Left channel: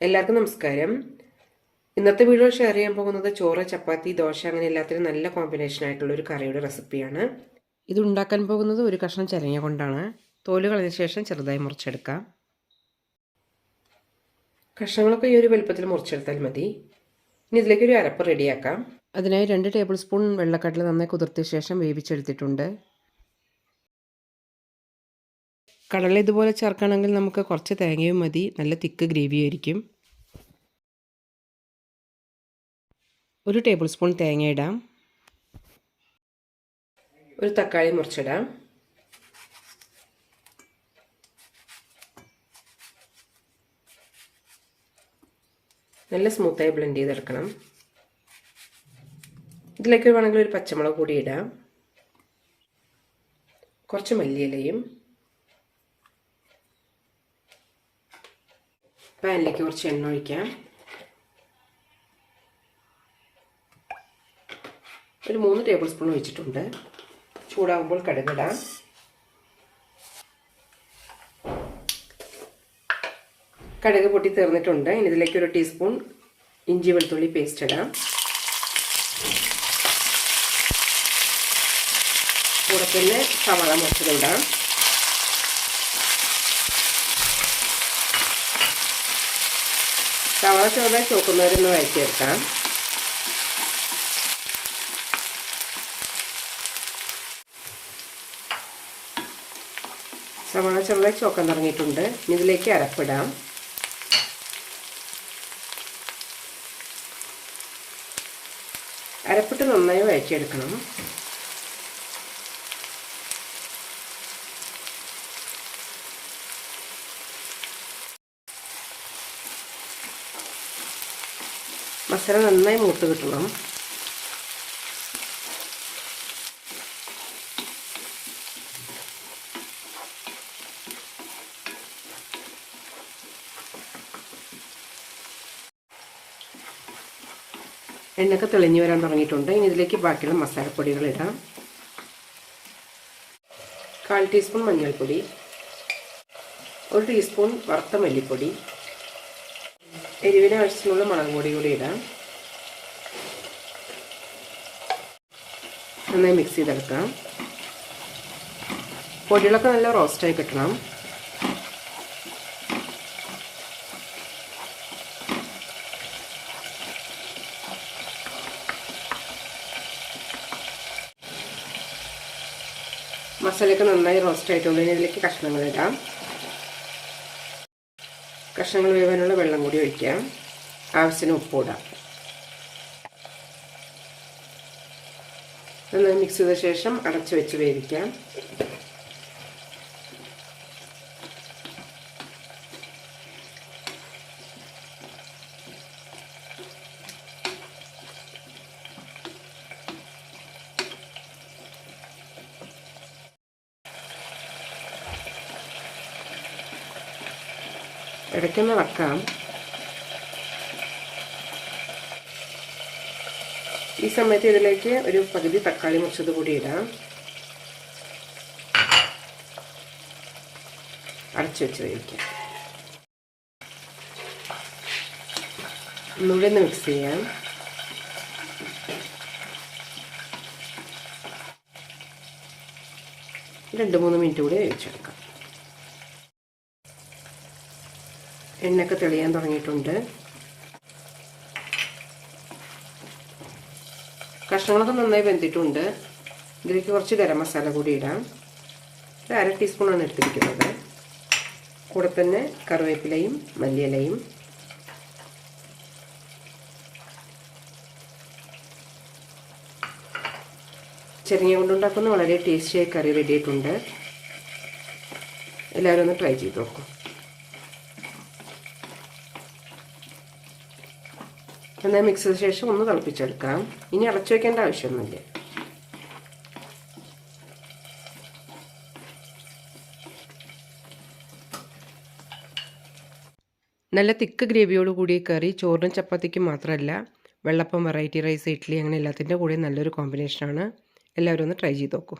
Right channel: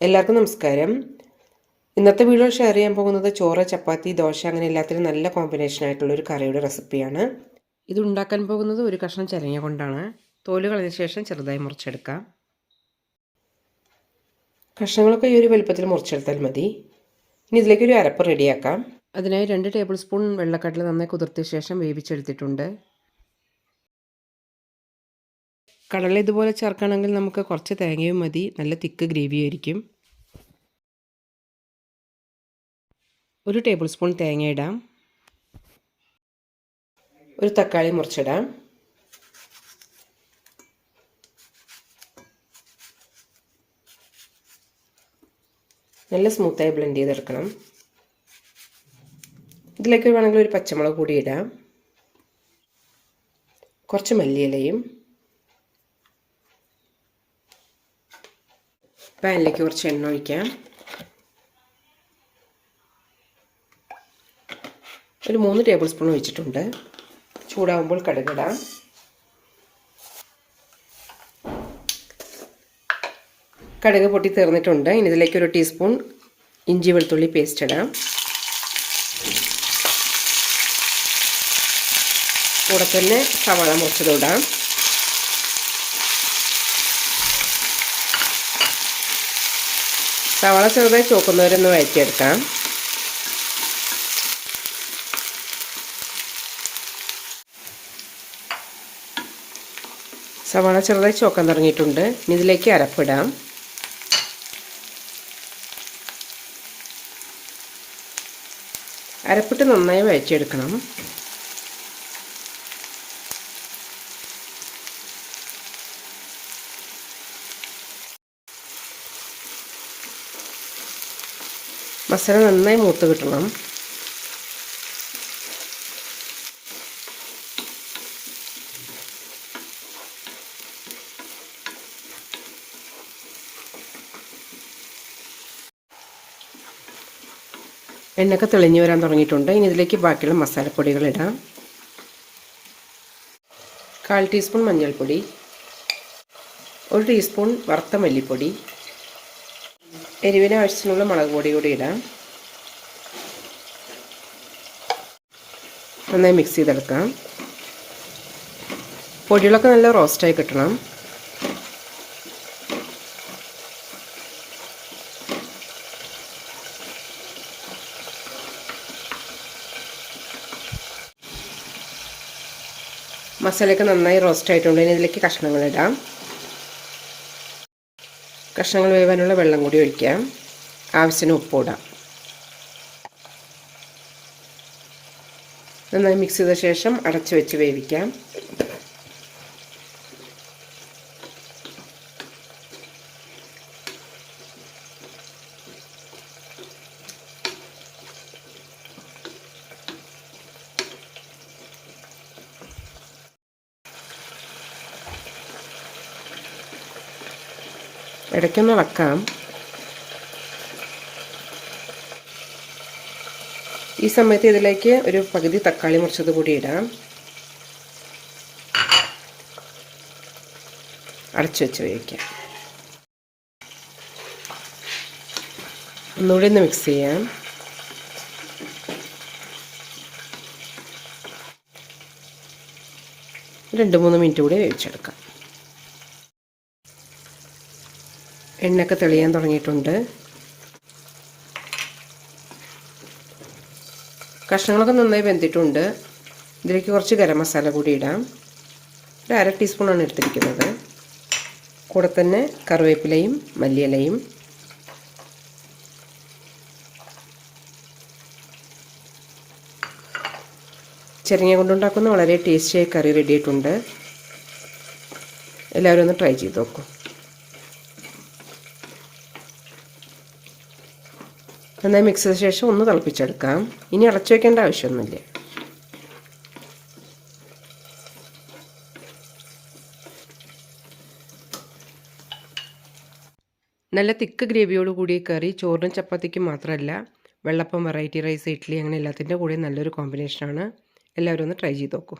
എല്ലാവർക്കും നമസ്കാരം. ഇന്നത്തെ വീഡിയോ ഷെയർ ചെയ്യാൻ പോകുന്നത് ചോറ്, ചപ്പാത്തി, ദോശ അങ്ങനെ എല്ലാത്തിനും നല്ല കോമ്പിനേഷൻ ആയിട്ടുള്ള ഒരു കറിയുടെ റെസിപ്പിയാണ്. ഇത് ഉണ്ടാക്കാൻ പോകുന്നത് ഒരു കഷ്ണം ചിരങ്ങ കൊണ്ടാണ്. തോല് കളഞ്ഞ ശേഷം ചെറുതായി മുറിച്ചെടുക്കാം. കഷ്ണങ്ങളൊക്കെ ഈ ഒരു വലുപ്പത്തിൽ മുറിച്ചെടുത്താൽ മതി. ഇനി ഇതിലേക്ക് ഒരു അരപ്പ് റെഡിയാക്കാം. അതിനായി 2 ടേബിൾ സ്പൂൺ വെള്ളക്കടല നന്നായി കുതിർത്തിയ ശേഷം വേവിച്ചെടുത്തിട്ടുണ്ട്. കടല ഇതുപോലെ ചേർക്കുകയാണെങ്കിൽ നമുക്ക് കുറച്ച് തേങ്ങയും മതി. നല്ല തിക്ക് ഗ്രേവി ആയിരിക്കും. 1 ടേബിൾ സ്പൂൺ തേങ്ങ ഇടാം. ഒരു തക്കാളി മുറിച്ചിടാം. നല്ല സ്മൂത്തായി ബ്ലെൻഡ് ചെയ്തെടുക്കണം. ഇതിലേക്ക് വേണമെങ്കിൽ ഒരു പച്ചമുളക് കൂടി ഇടാം. കുറച്ച് മല്ലിയിലയും. പാനിലേക്ക് കുറച്ച് എണ്ണ ഒഴിക്കാം. ഒരു 3 ടേബിൾ സ്പൂൺ ഒഴിച്ചിട്ടുണ്ട്. ചൂടാകുമ്പോൾ കടുകിടാം. കടുക് പൊട്ടി തീർന്നിട്ടുണ്ട്. ഇനി ഇതിലേക്ക് 1 ടീസ്പൂൺ ഇഞ്ചി വെളുത്തുള്ളി പേസ്റ്റ് ഇടാം. കൂടെ തന്നെ സവാള മുറിച്ചതിടാം. സവാള ചെറുതായി ചോക്കുന്നവരൊന്ന് വഴറ്റിയെടുക്കാം. സവാള ചെറുതായി ചോക്കാൻ തുടങ്ങിയിട്ടുണ്ട്. ഇനി ഇതിലേക്ക് അരപ്പിടാം. അരപ്പിട്ട് നന്നായി വഴറ്റിയെടുക്കണം. മസാല നന്നായി മൂത്ത് കിട്ടണം. എണ്ണയൊക്കെ തെളിഞ്ഞു വരാൻ തുടങ്ങിയിട്ടുണ്ട്. ഇനി ഇതിലേക്ക് ബാക്കിയുള്ള മസാലപ്പൊടികൾ ഇടാം. 1/4 ടീസ്പൂൺ മഞ്ഞൾപ്പൊടി, 1 ടീസ്പൂൺ വറുത്ത മല്ലിപ്പൊടി, എരിവിന് ആവശ്യത്തിനുള്ള മുളക് പൊടി കൂടി ഇടാം. നന്നായി മിക്സ് ചെയ്തെടുക്കാം. പൊടികളൊക്കെ നല്ല റോസ്റ്റായി കിട്ടണം. മസാലയൊക്കെ നന്നായി റോസ്റ്റ് ആയിട്ടുണ്ട്. ഇനി ഇതിലേക്ക് കഷ്ണങ്ങൾ ഇടാം. കഷ്ണങ്ങൾ വേവാനുള്ള വെള്ളം കൂടി ഒഴിക്കാം. ആവശ്യത്തിന് ഉപ്പ് ഇടാം. നന്നായി മിക്സ് ചെയ്ത ശേഷം അടച്ചു വെച്ച് വേവിക്കാം. ഇടയ്ക്കൊന്ന് വെക്കാം. ഈ സമയത്ത് ഇതിലേക്ക് ഒരു പകുതി തക്കാളി മുറിച്ചത് കൂടി ഇടാം. അടച്ചു വെച്ച് വേവിക്കാം. ഒന്നുകൂടി ഒന്ന് മിക്സ് ചെയ്യാം. രണ്ട് 3 മിനിറ്റ് കൂടി വേവിച്ചെടുക്കാം. എണ്ണയൊക്കെ തെളിയാൻ തുടങ്ങിയിട്ടുണ്ട്. കഷ്ണങ്ങളൊക്കെ നന്നായി വെന്തിട്ടുണ്ട്. ഇതിലേക്ക് കുറച്ച് ഗരം മസാല കൂടി ഇടാം. ഒരു 1/2 ടീസ്പൂണാണ് എടുത്തിരിക്കുന്നത്. കൂടെ തന്നെ കറിവേപ്പിലയും മല്ലിയിലയും. ചിരങ്ങ കൊണ്ടുണ്ടാക്കുന്ന വളരെ ടേസ്റ്റിയായ കറി റെഡി ആയിട്ടുണ്ട്. എല്ലാവരും ഒന്ന് ട്രൈ ചെയ്ത് നോക്കൂ. നന്നായി മിക്സ് ചെയ്ത ശേഷം ഒന്ന് തിളപ്പിച്ചെടുക്കാം. ഇനി അടച്ചു വയ്ക്കേണ്ട ആവശ്യമൊന്നുമില്ല. നല്ല തിക്ക് ഗ്രേവിയോട് കൂടിയ കറി ചോറിനും ചപ്പാത്തിക്കും മാത്രമല്ല, വെള്ളപ്പം, വെറൈറ്റി റൈസ്, ഇഡ്ഡലി അങ്ങനെ എല്ലാത്തിൻ്റെ കൂടെ നല്ലൊരു കോമ്പിനേഷനാണ്. എല്ലാവരും ഒന്ന് ട്രൈ ചെയ്ത് നോക്കൂ.